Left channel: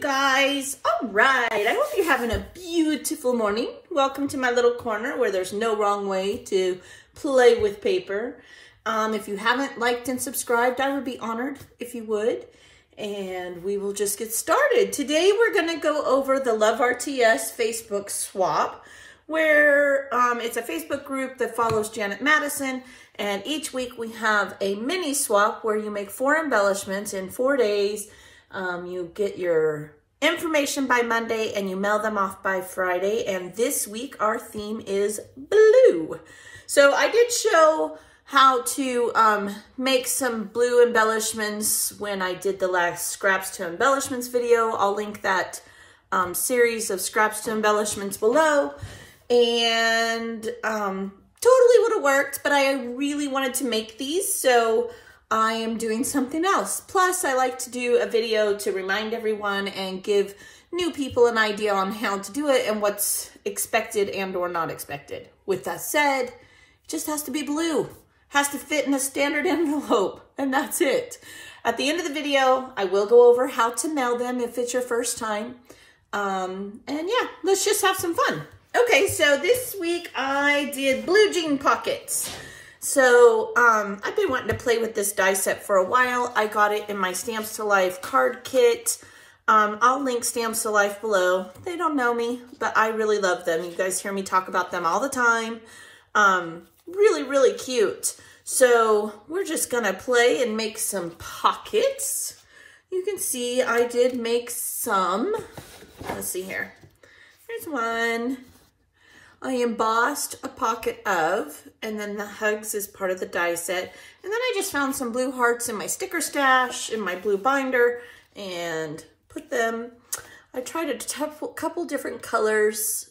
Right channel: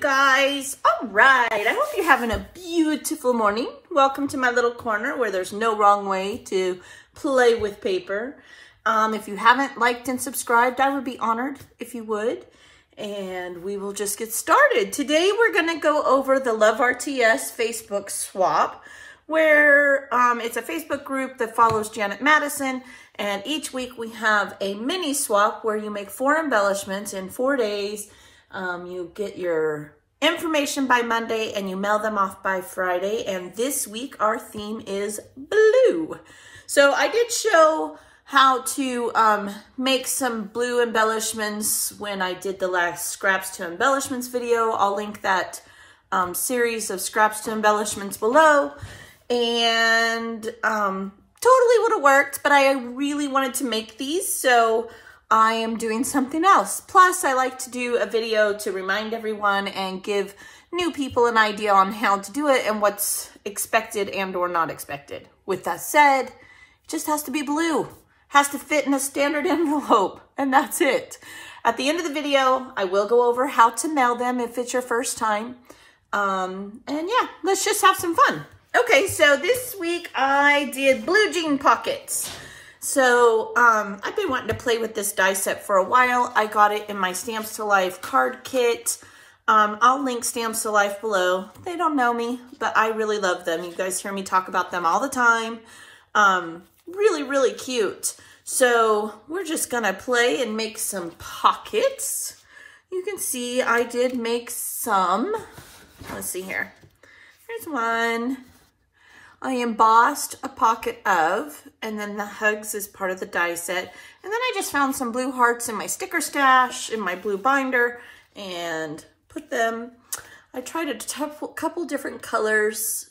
guys. All right, I hope you're having a beautiful morning. Welcome to my little corner where there's no wrong way to play with paper. If you haven't liked and subscribed, I would be honored if you would. And we will just get started. Today we're going to go over the Love RTS Facebook swap, where it's a Facebook group that follows Janet Madison. And each week we have a mini swap where you make 4 embellishments in 4 days. You get your information by Monday and you mail them off by Friday. And this week our theme is blue. So I did show how to make some blue embellishments when I did the last Scraps to Embellishments video. I'll link that series of Scraps to Embellishments below. And totally would have worked, but I really wanted to make these, so I am doing something else. Plus, I like to do a video to remind everyone and give new people an idea on how to do it and what's expected and or not expected. With that said, it just has to be blue. Has to fit in a standard envelope, and that's it. At the end of the video, I will go over how to mail them if it's your first time. And yeah, let's just have some fun. Okay, so this week I did blue jean pockets. So I've been wanting to play with this die set for a while. I got it in my Stamps to Life card kit. I'll link Stamps to Life below. They don't know me, but I really love them. You guys hear me talk about them all the time. Really, really cute. So we're just gonna play and make some pockets. You can see I did make some. Let's see here. Here's one. I embossed a pocket of, and then the hugs is part of the die set. And then I just found some blue hearts in my sticker stash, in my blue binder, and put them. I tried a couple different colors.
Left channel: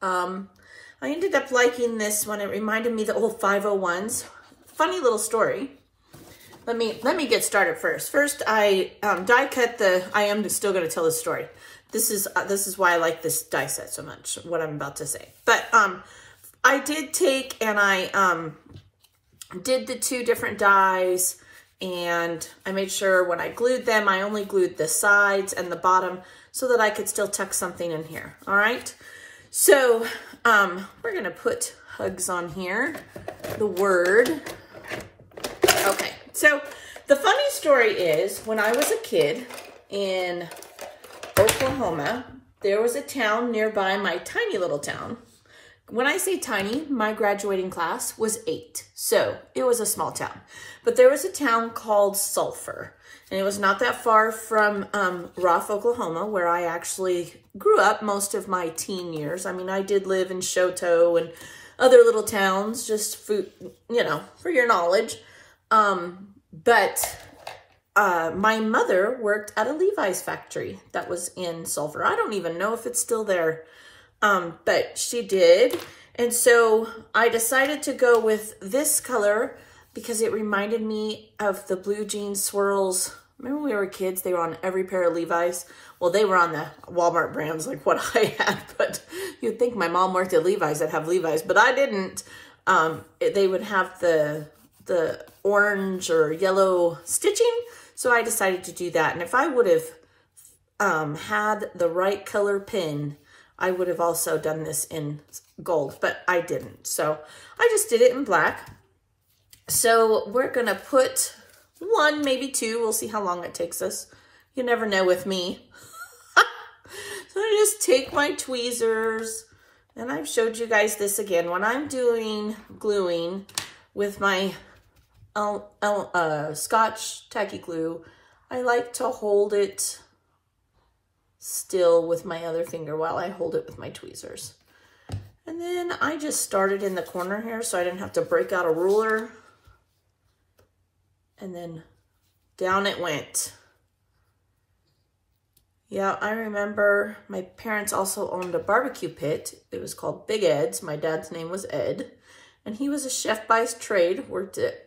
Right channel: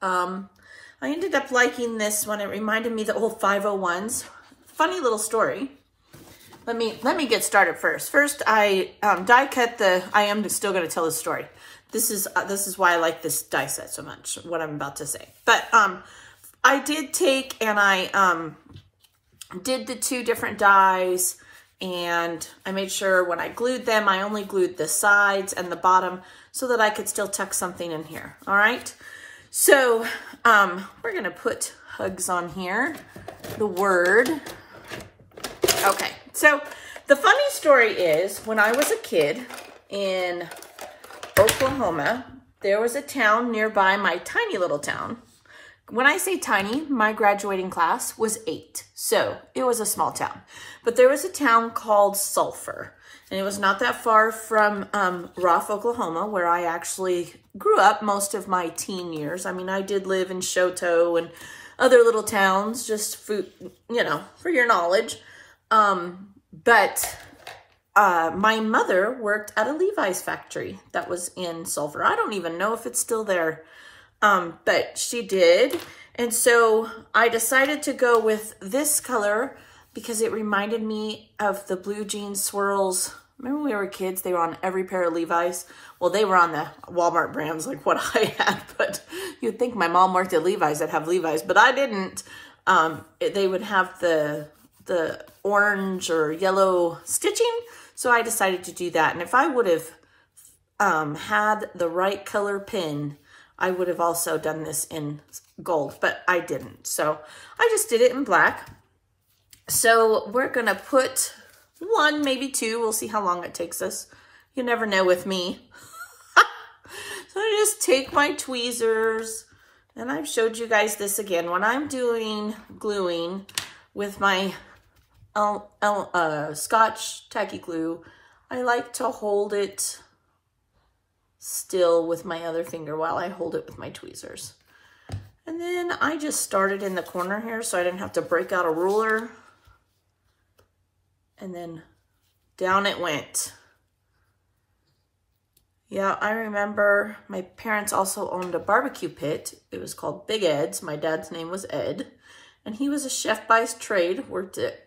I ended up liking this one. It reminded me of the old 501s. Funny little story. Let me get started first. First, I die cut the, I am still gonna tell the story. This is why I like this die set so much, what I'm about to say. But I did take and I did the 2 different dies, and I made sure when I glued them, I only glued the sides and the bottom so that I could still tuck something in here, all right? So we're gonna put hugs on here, the word. Okay, so the funny story is when I was a kid in Oklahoma, there was a town nearby my tiny little town. When I say tiny, my graduating class was 8, so it was a small town. But there was a town called Sulphur, and it was not that far from Roth, Oklahoma, where I actually grew up most of my teen years. I mean, I did live in Shoto and other little towns, just for, you know, for your knowledge. My mother worked at a Levi's factory that was in Sulphur. I don't even know if it's still there, but she did. And so I decided to go with this color because it reminded me of the blue jean swirls. Remember when we were kids, they were on every pair of Levi's? Well, they were on the Walmart brands like what I had, but you'd think my mom worked at Levi's, I'd have Levi's, but I didn't. They would have the orange or yellow stitching. So I decided to do that. And if I would have had the right color pin, I would have also done this in gold, but I didn't. So I just did it in black. So we're gonna put 1, maybe 2. We'll see how long it takes us. You never know with me. So I just take my tweezers, and I've showed you guys this again. When I'm doing gluing with my Scotch tacky glue, I like to hold it still with my other finger while I hold it with my tweezers. And then I just started in the corner here so I didn't have to break out a ruler. And then down it went. Yeah, I remember my parents also owned a barbecue pit. It was called Big Ed's. My dad's name was Ed. And he was a chef by trade, worked at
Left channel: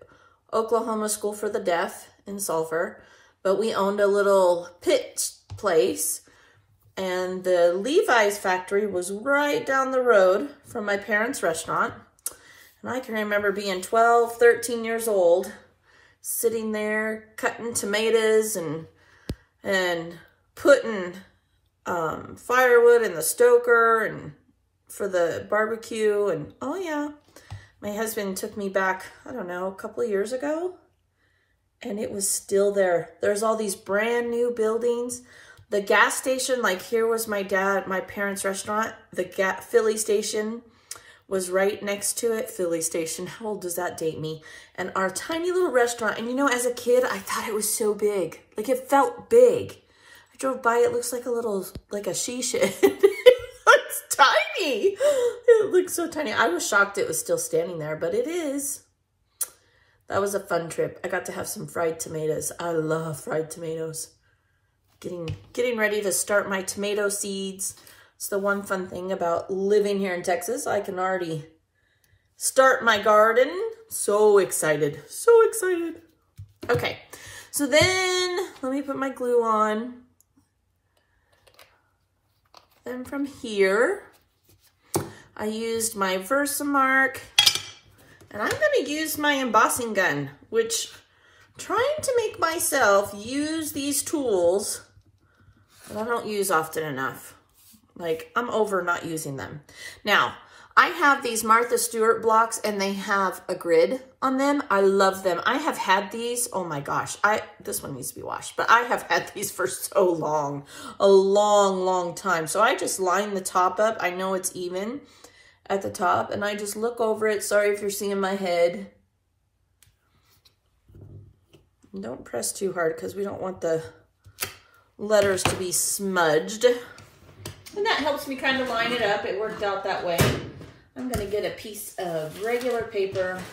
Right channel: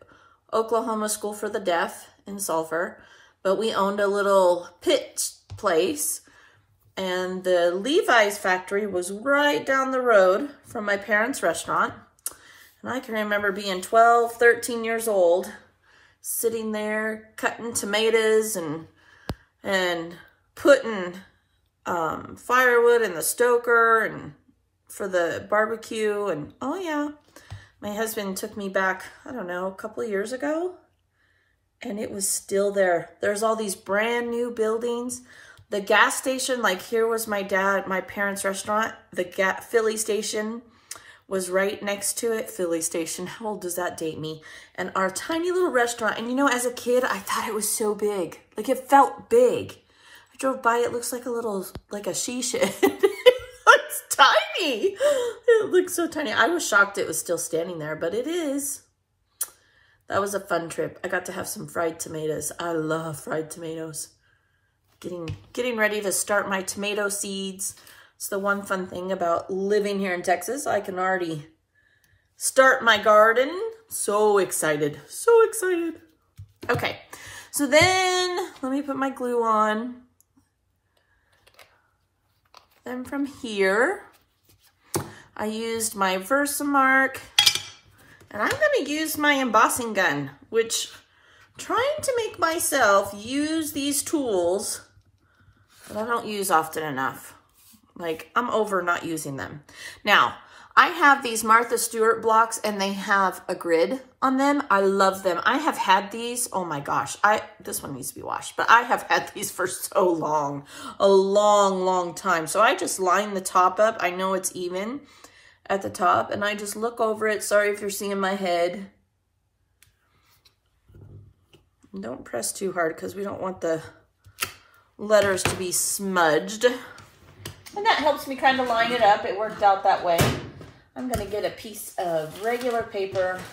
Oklahoma School for the Deaf in Sulphur, but we owned a little pit place, and the Levi's factory was right down the road from my parents' restaurant. And I can remember being 12, 13 years old, sitting there cutting tomatoes and putting firewood in the stoker and for the barbecue. And oh yeah, my husband took me back, I don't know, a couple of years ago, and it was still there. There's all these brand new buildings. The gas station, like here was my parents' restaurant. The Philly station was right next to it. Philly station, how old does that date me? And our tiny little restaurant, and you know, as a kid, I thought it was so big. Like it felt big. I drove by, it looks like a little, like a she shed. It's tiny. It looks so tiny. I was shocked it was still standing there, but it is. That was a fun trip. I got to have some fried tomatoes. I love fried tomatoes. Getting ready to start my tomato seeds. It's the one fun thing about living here in Texas. I can already start my garden. So excited. So excited. Okay. So then let me put my glue on. Then from here, I used my Versamark, and I'm going to use my embossing gun, which I'm trying to make myself use these tools that I don't use often enough. Like, I'm over not using them. Now, I have these Martha Stewart blocks, and they have a grid on them. I love them. I have had these, oh my gosh, this one needs to be washed, but I have had these for so long, a long, long time. So I just line the top up. I know it's even at the top, and I just look over it. Sorry if you're seeing my head. And don't press too hard because we don't want the letters to be smudged. And that helps me kind of line it up. It worked out that way. I'm going to get a piece of regular paper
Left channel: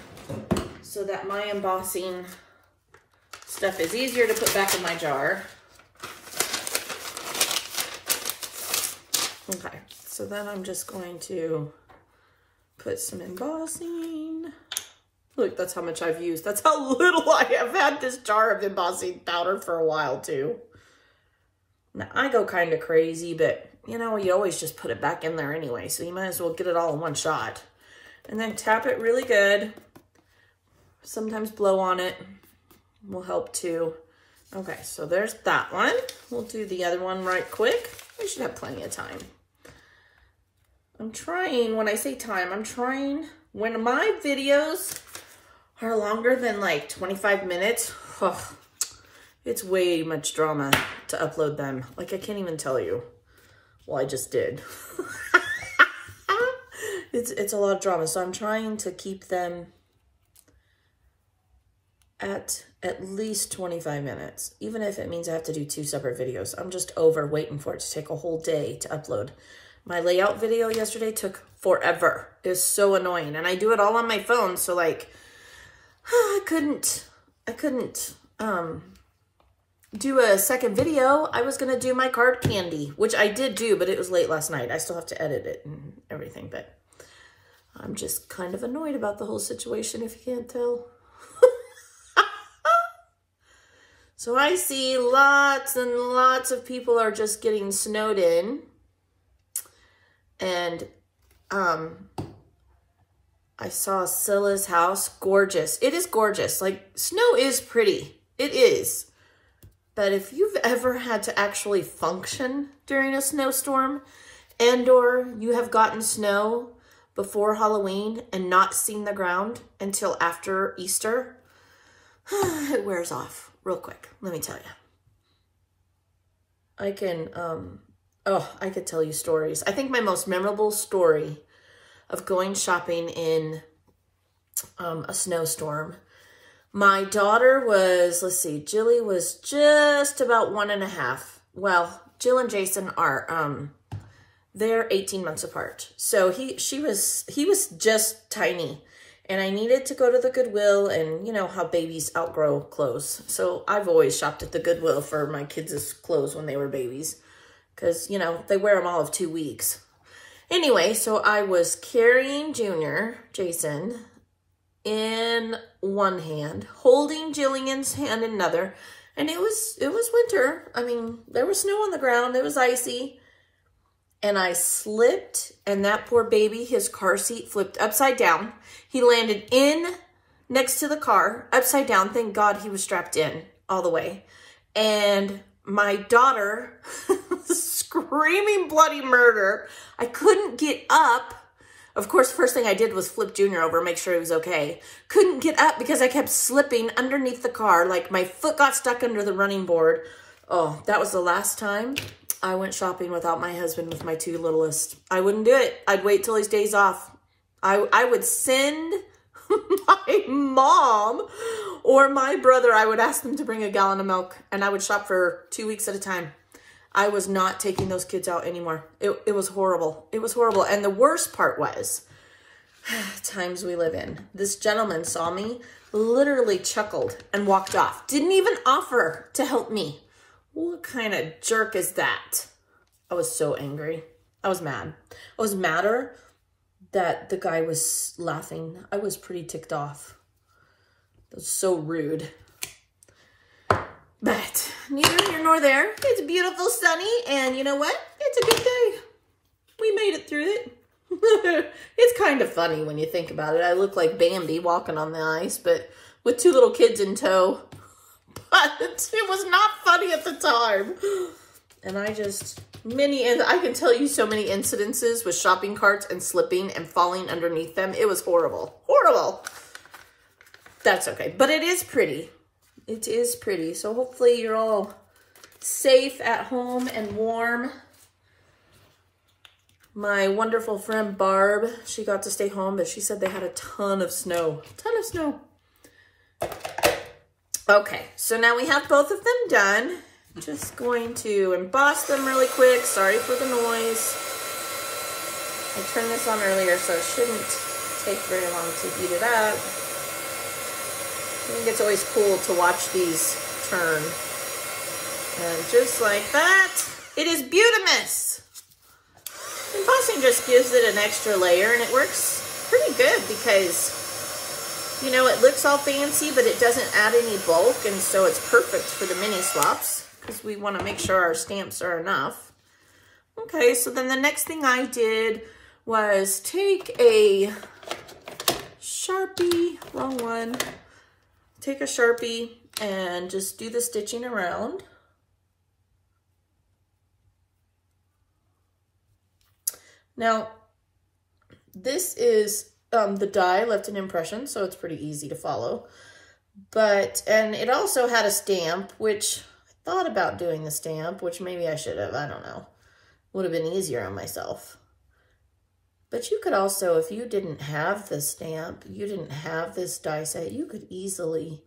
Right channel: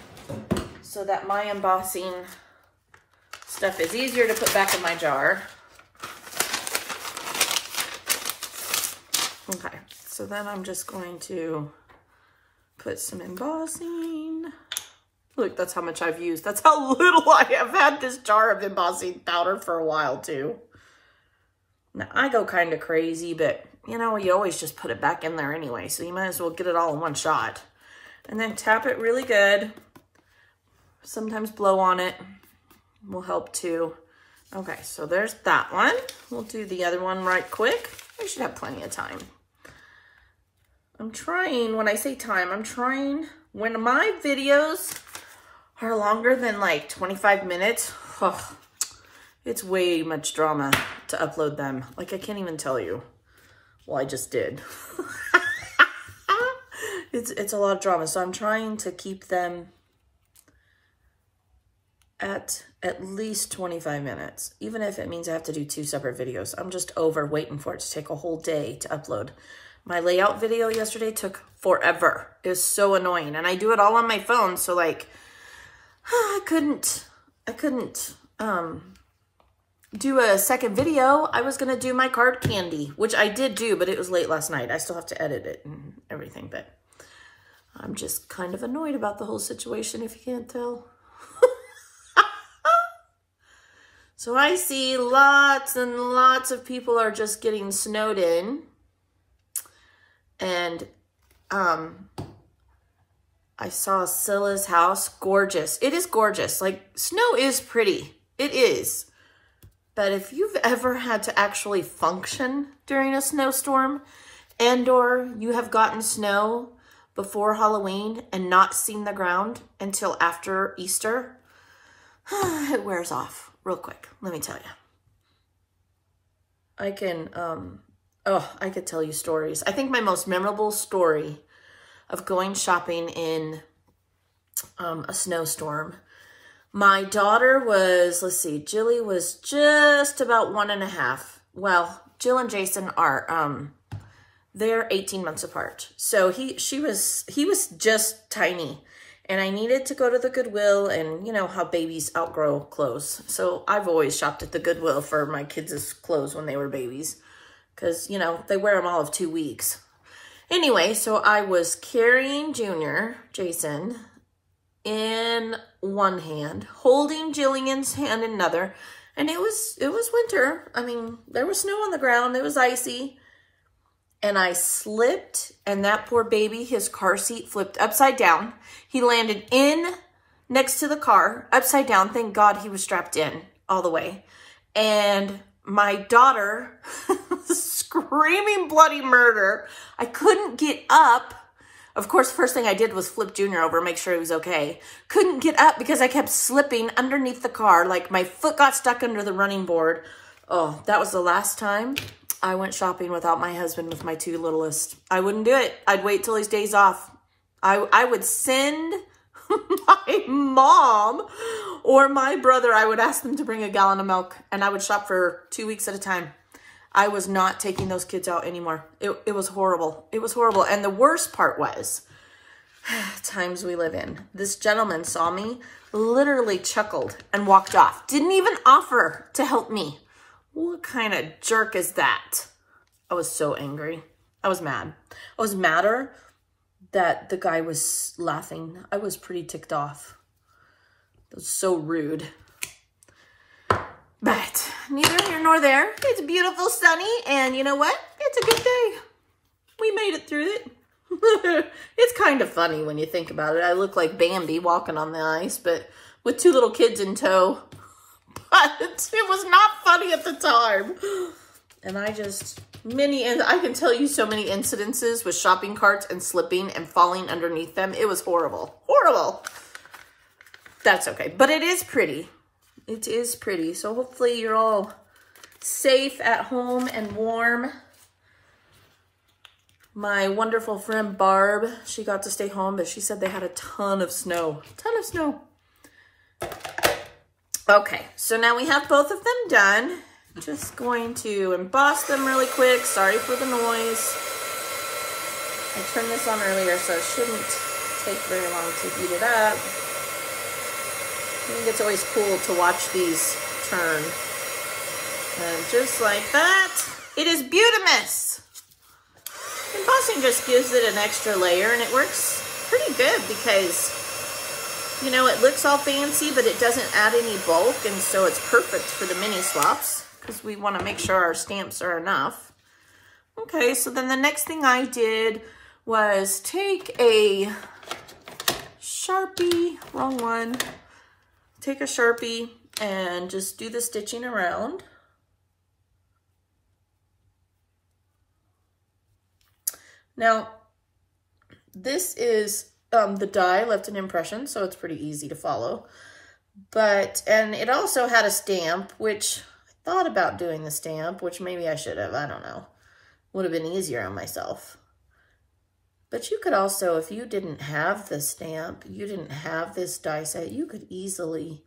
so that my embossing stuff is easier to put back in my jar. Okay, so then I'm just going to put some embossing. Look, that's how much I've used. That's how little I have had this jar of embossing powder for a while too. Now, I go kind of crazy, but, you know, you always just put it back in there anyway, so you might as well get it all in one shot. And then tap it really good. Sometimes blow on it will help too. Okay, so there's that one. We'll do the other one right quick. I should have plenty of time. I'm trying, when I say time, I'm trying, when my videos are longer than like 25 minutes, it's way much drama to upload them. Like, I can't even tell you. Well, I just did. It's a lot of drama. So I'm trying to keep them at least 25 minutes. Even if it means I have to do 2 separate videos. I'm just over waiting for it to take a whole day to upload. My layout video yesterday took forever. It was so annoying. And I do it all on my phone. So like, I couldn't do a second video. I was going to do my card candy, which I did do, but it was late last night. I still have to edit it and everything, but I'm just kind of annoyed about the whole situation, if you can't tell. So I see lots and lots of people are just getting snowed in. And I saw Scylla's house. Gorgeous. It is gorgeous. Like, snow is pretty. It is. But if you've ever had to actually function during a snowstorm, and or you have gotten snow before Halloween and not seen the ground until after Easter, it wears off real quick, let me tell you. I can, I could tell you stories. I think my most memorable story of going shopping in a snowstorm, my daughter was, let's see, Jilly was just about 1.5. Well, Jill and Jason are, they're 18 months apart. So he was just tiny, and I needed to go to the Goodwill, and you know how babies outgrow clothes. So I've always shopped at the Goodwill for my kids' clothes when they were babies, because, you know, they wear them all of 2 weeks. Anyway, so I was carrying Junior, Jason, in one hand, holding Jillian's hand in another, and it was winter. I mean, there was snow on the ground, it was icy, and I slipped, and that poor baby, his car seat flipped upside down. He landed in next to the car, upside down. Thank God he was strapped in all the way. And my daughter screaming bloody murder. I couldn't get up. Of course, first thing I did was flip Junior over, make sure he was okay. Couldn't get up because I kept slipping underneath the car. Like my foot got stuck under the running board. Oh, that was the last time I went shopping without my husband with my two littlest. I wouldn't do it. I'd wait till his days off. I would send my mom or my brother, I would ask them to bring a gallon of milk, and I would shop for 2 weeks at a time. I was not taking those kids out anymore. It was horrible. It was horrible. And the worst part was, times we live in, this gentleman saw me, literally chuckled and walked off. Didn't even offer to help me. What kind of jerk is that? I was so angry. I was mad. I was madder that the guy was laughing. I was pretty ticked off. It was so rude. But neither here nor there. It's beautiful, sunny, and you know what? It's a good day. We made it through it. It's kind of funny when you think about it. I look like Bambi walking on the ice, but with two little kids in tow. But it was not funny at the time. And I can tell you so many incidences with shopping carts and slipping and falling underneath them. It was horrible. Horrible. That's okay. But it is pretty. It is pretty. So hopefully you're all safe at home and warm. My wonderful friend Barb, she got to stay home, but she said they had a ton of snow. A ton of snow. Okay, so now we have both of them done. Just going to emboss them really quick. Sorry for the noise. I turned this on earlier, so it shouldn't take very long to heat it up. I think it's always cool to watch these turn. And just like that, it is beautimous. Embossing just gives it an extra layer, and it works pretty good because, you know, it looks all fancy, but it doesn't add any bulk, and so it's perfect for the mini slops because we want to make sure our stamps are enough. Okay, so then the next thing I did was take a Sharpie, wrong one, take a Sharpie and just do the stitching around. Now, this is the die left an impression, so it's pretty easy to follow. And it also had a stamp, which I thought about doing the stamp, which maybe I should have, I don't know. Would have been easier on myself. But you could also, if you didn't have the stamp, you didn't have this die set, you could easily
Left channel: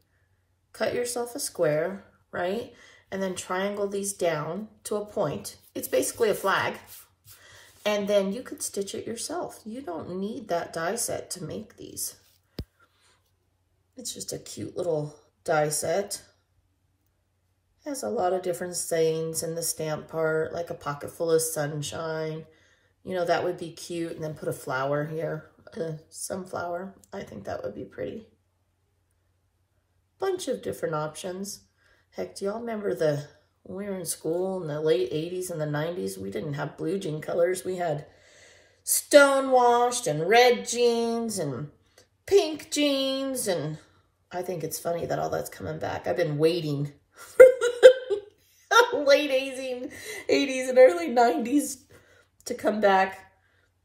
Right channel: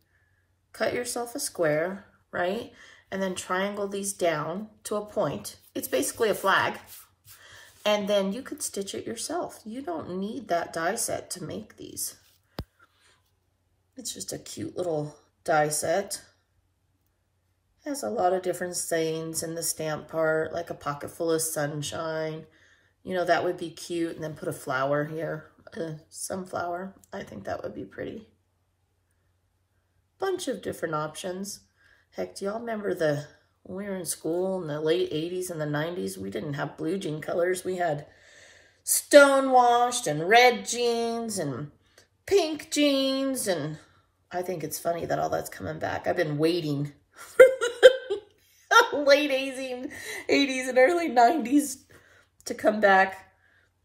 cut yourself a square, right? And then triangle these down to a point. It's basically a flag. And then you could stitch it yourself. You don't need that die set to make these. It's just a cute little die set. Has a lot of different sayings in the stamp part, like a pocket full of sunshine. You know, that would be cute. And then put a flower here, a sunflower. I think that would be pretty. Bunch of different options. Heck, do y'all remember when we were in school in the late 80s and the 90s, we didn't have blue jean colors. We had stonewashed and red jeans and pink jeans. And I think it's funny that all that's coming back. I've been waiting for the late 80s and early 90s to come back.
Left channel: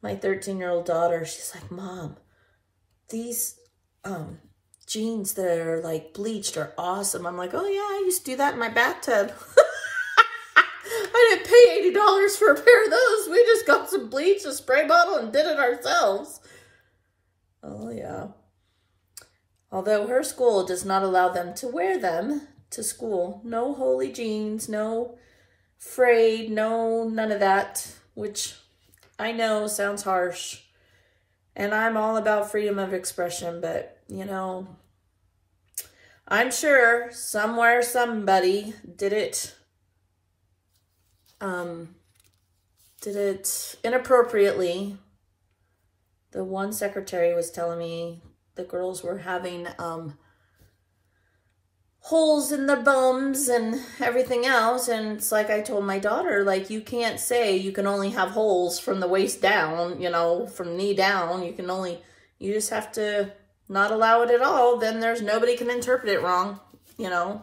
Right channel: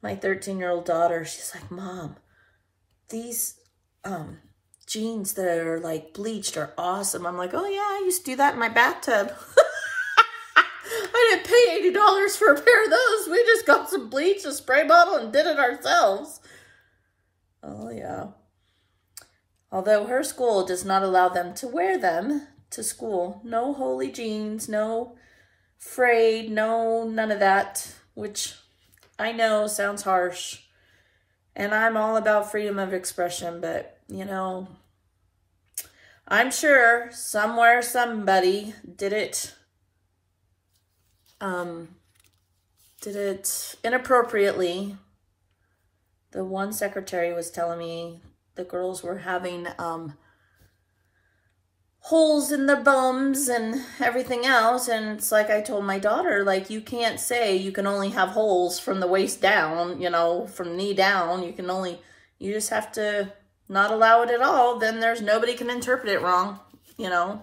My 13-year-old daughter, she's like, Mom, these jeans that are like bleached are awesome. I'm like, oh yeah, I used to do that in my bathtub. I didn't pay $80 for a pair of those. We just got some bleach, a spray bottle, and did it ourselves. Oh yeah. Although her school does not allow them to wear them to school. No holy jeans, no frayed, no none of that, which I know sounds harsh. And I'm all about freedom of expression, but, you know, I'm sure somewhere somebody did it inappropriately. The one secretary was telling me the girls were having holes in the bums and everything else. And it's like I told my daughter, like, you can't say you can only have holes from the waist down, you know, from knee down. You just have to not allow it at all. Then there's nobody can interpret it wrong, you know.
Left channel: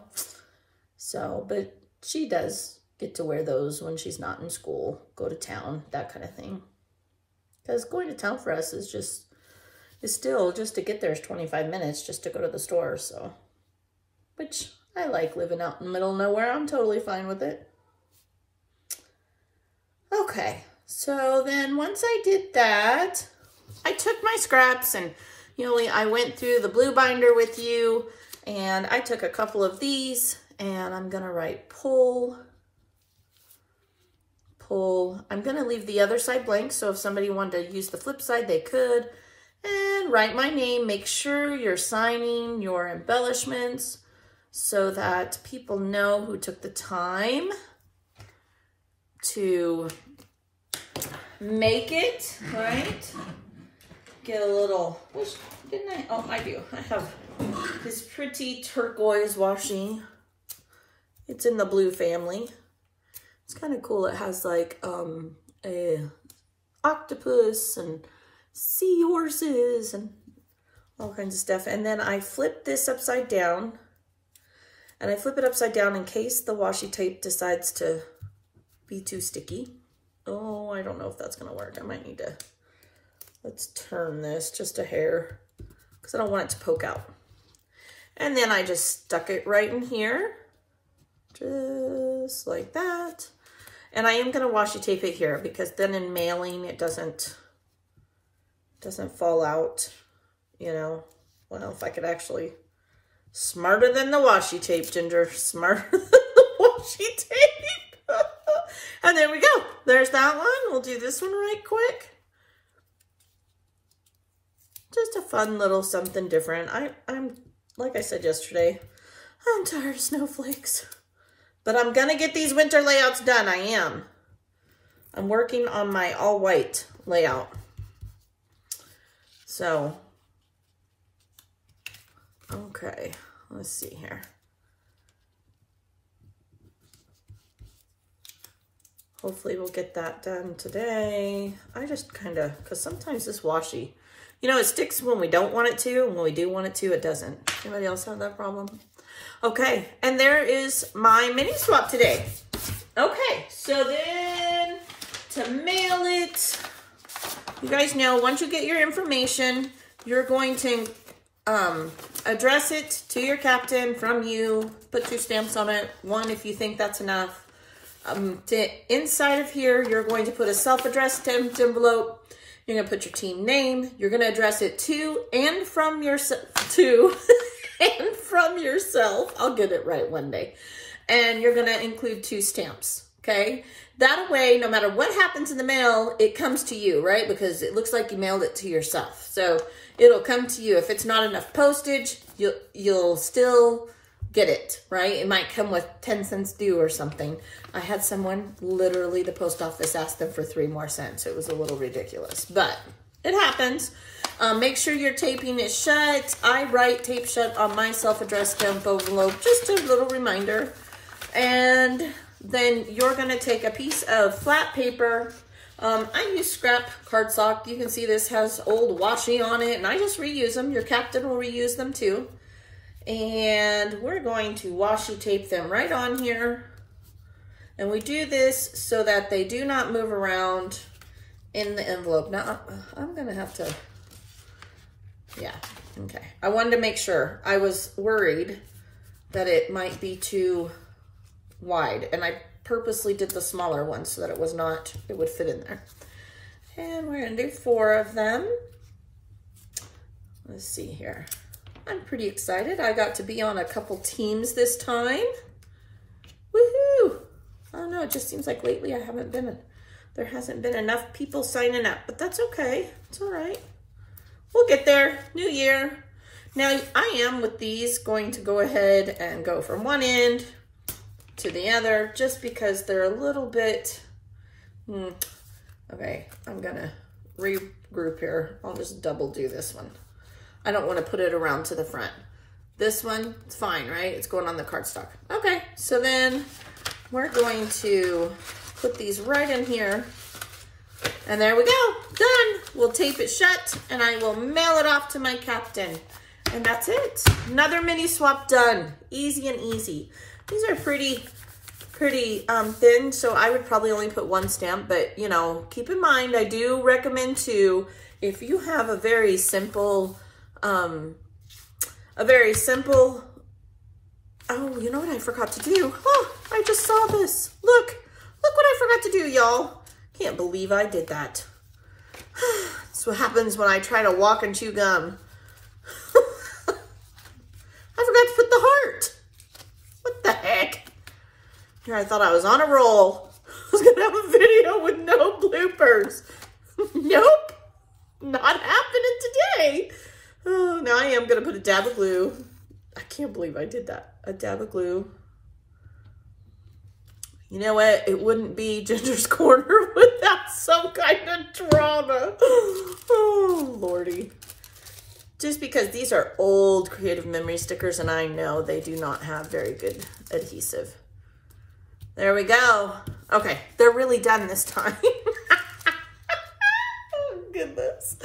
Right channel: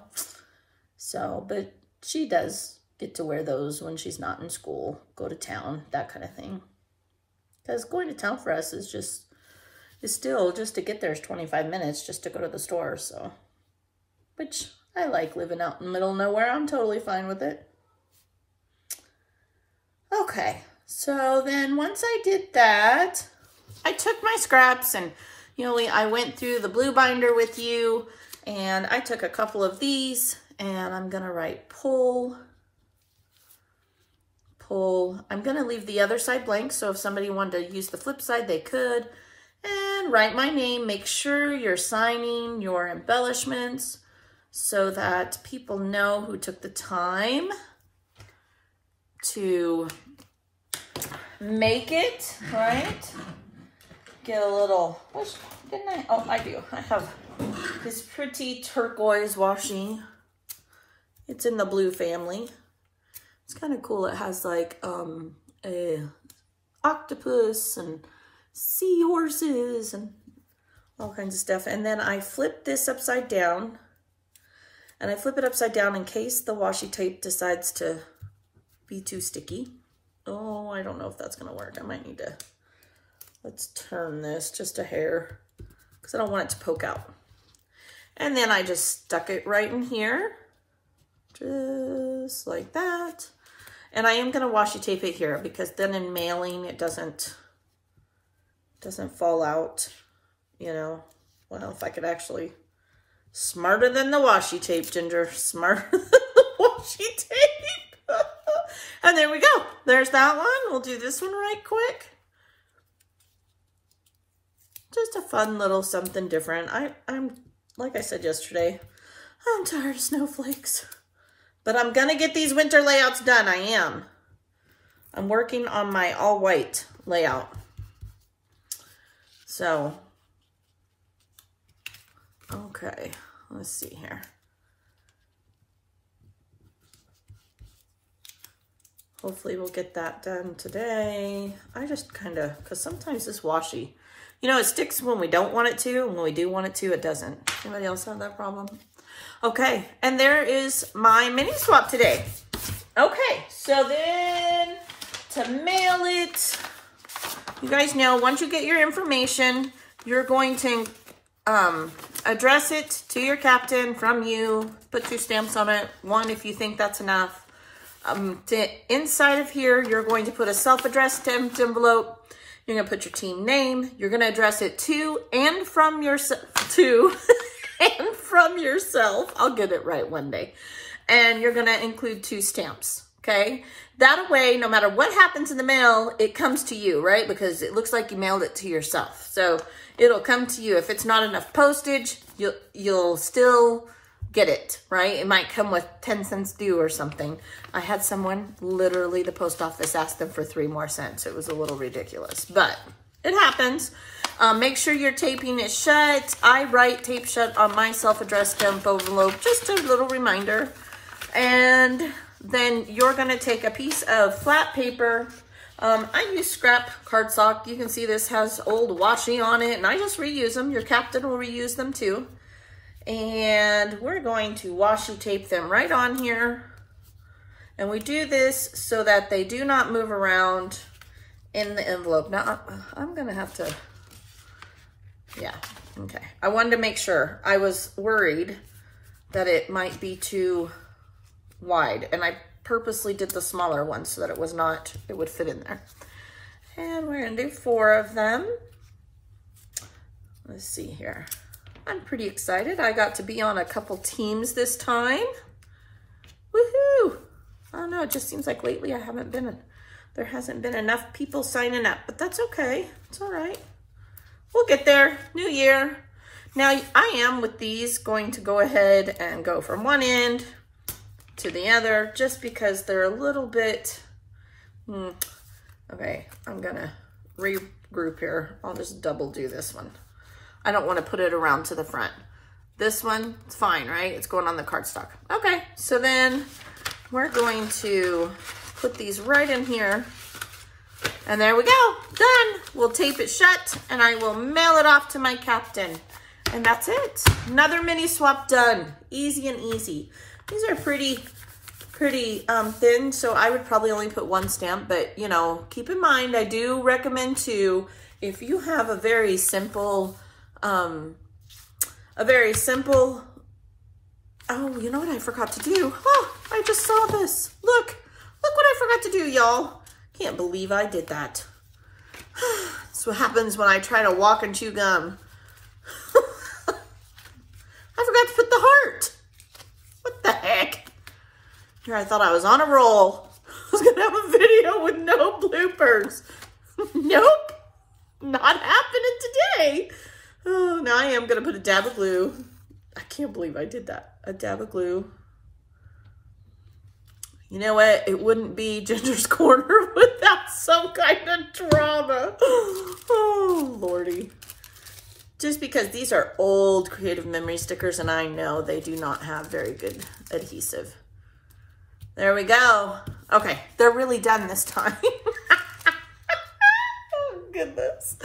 So, but she does get to wear those when she's not in school, go to town, that kind of thing. Because going to town for us is still, just to get there is 25 minutes just to go to the store, so. Which I like, living out in the middle of nowhere. I'm totally fine with it. Okay, so then once I did that, I took my scraps and, you know, I went through the blue binder with you, and I took a couple of these, and I'm gonna write pull. I'm gonna leave the other side blank, so if somebody wanted to use the flip side, they could. And write my name. Make sure you're signing your embellishments so that people know who took the time to make it, right? Get a little, didn't I? Oh, I do. I have this pretty turquoise washi. It's in the blue family. It's kind of cool. It has like a octopus and seahorses and all kinds of stuff. And then I flip this upside down, and I flip it upside down in case the washi tape decides to be too sticky. Oh, I don't know if that's gonna work. I might need to, let's turn this just a hair because I don't want it to poke out. And then I just stuck it right in here, just like that. And I am gonna washi tape it here because then in mailing it doesn't fall out, you know. Well, if I could actually, smarter than the washi tape, Ginger, smarter than the washi tape. And there we go. There's that one. We'll do this one right quick. Just a fun little something different. I'm like I said yesterday, I'm tired of snowflakes. But I'm gonna get these winter layouts done. I am. I'm working on my all white layout. So, okay, let's see here. Hopefully we'll get that done today. I just kind of, because sometimes this washi, you know, it sticks when we don't want it to, and when we do want it to, it doesn't. Anybody else have that problem? Okay, and there is my mini swap today. Okay, so then to mail it, you guys know, once you get your information, you're going to address it to your captain from you, put 2 stamps on it, 1 if you think that's enough. Inside of here, you're going to put a self-addressed stamped envelope. You're going to put your team name. You're going to address it to and from yourself. And from yourself. I'll get it right one day. And you're going to include 2 stamps, okay? That way, no matter what happens in the mail, it comes to you, right? Because it looks like you mailed it to yourself. So it'll come to you. If it's not enough postage, you'll still get it, right? It might come with 10 cents due or something. I had someone, literally the post office asked them for 3 more cents. It was a little ridiculous, but it happens. Make sure your taping is shut. I write tape shut on my self-addressed stamp envelope, just a little reminder. And then you're gonna take a piece of flat paper. I use scrap cardstock. You can see this has old washi on it, and I just reuse them. Your captain will reuse them too. And we're going to washi tape them right on here. And we do this so that they do not move around in the envelope. Now, I'm gonna have to, yeah, okay. I wanted to make sure. I was worried that it might be too wide, and I purposely did the smaller one so that it would fit in there. And we're gonna do 4 of them. Let's see here. I'm pretty excited. I got to be on a couple teams this time. Woohoo! I don't know, it just seems like lately there hasn't been enough people signing up, but that's okay. It's all right. We'll get there. New year. Now, I am with these going to go ahead and go from one end to the other just because they're a little bit, okay, I'm gonna regroup here. I'll just double do this one. I don't want to put it around to the front. This one, it's fine, right? It's going on the cardstock. Okay, so then we're going to put these right in here. And there we go, done. We'll tape it shut and I will mail it off to my captain. And that's it. Another mini swap done. Easy and easy. These are pretty pretty thin, so I would probably only put one stamp, but you know, keep in mind, I do recommend too, if you have a very simple, oh, you know what I forgot to do? Oh, I just saw this. Look what I forgot to do, y'all. Can't believe I did that. That's what happens when I try to walk and chew gum. I forgot to put the heart. What the heck? Here, I thought I was on a roll. I was gonna have a video with no bloopers. Nope, not happening today. Oh, now I am gonna put a dab of glue. I can't believe I did that. A dab of glue. You know what? It wouldn't be Ginger's Corner without some kind of drama. Oh, Lordy. Just because these are old Creative Memory stickers and I know they do not have very good adhesive. There we go. Okay, they're really done this time. Oh, goodness.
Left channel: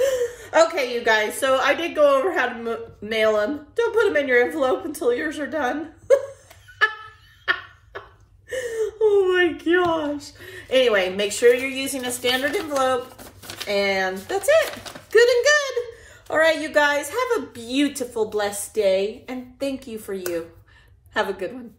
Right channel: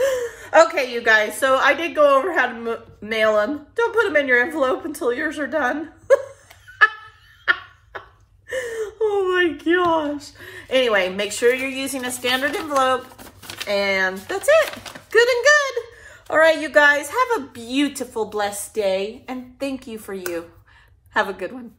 Okay, you guys, so I did go over how to mail them. Don't put them in your envelope until yours are done. Oh my gosh. Anyway, make sure you're using a standard envelope, and that's it. Good and good. All right, you guys, have a beautiful, blessed day, and thank you for you. Have a good one.